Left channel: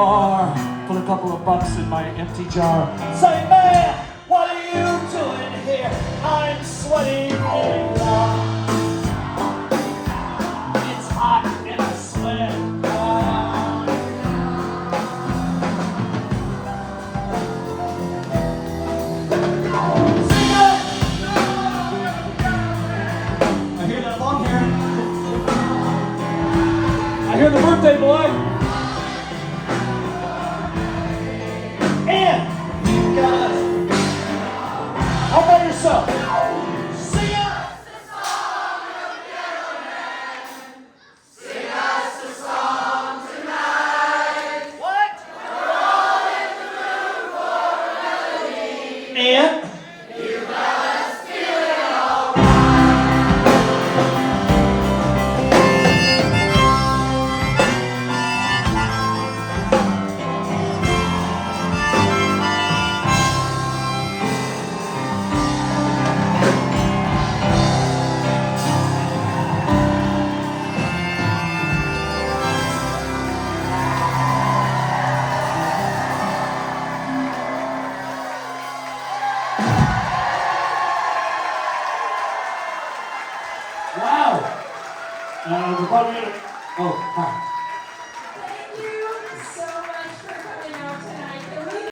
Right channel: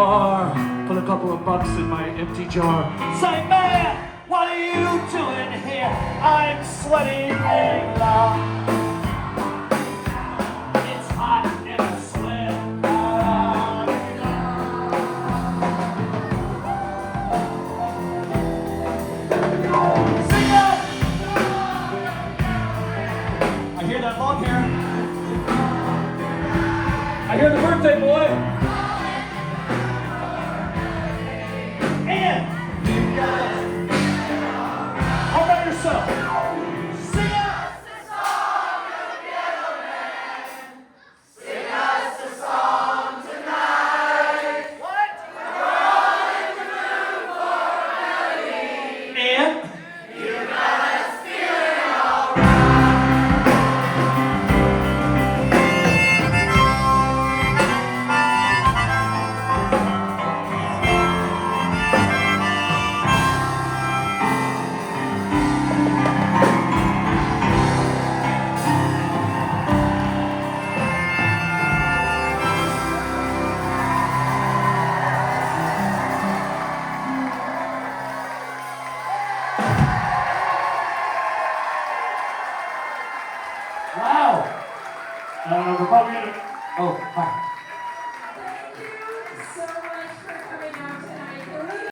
bar, put a couple of bucks in my empty jar. Say, man, what are you doing here? I'm sweating getting loud. It's hot and I sweat. Sing it! I hear that long here. I hear the birthday boy. And you gotta all by yourself. Sing it. Sing us a song tonight. What? We're all in the mood for a melody. And You got us feeling alright. wow. We're probably gonna. Oh, hi.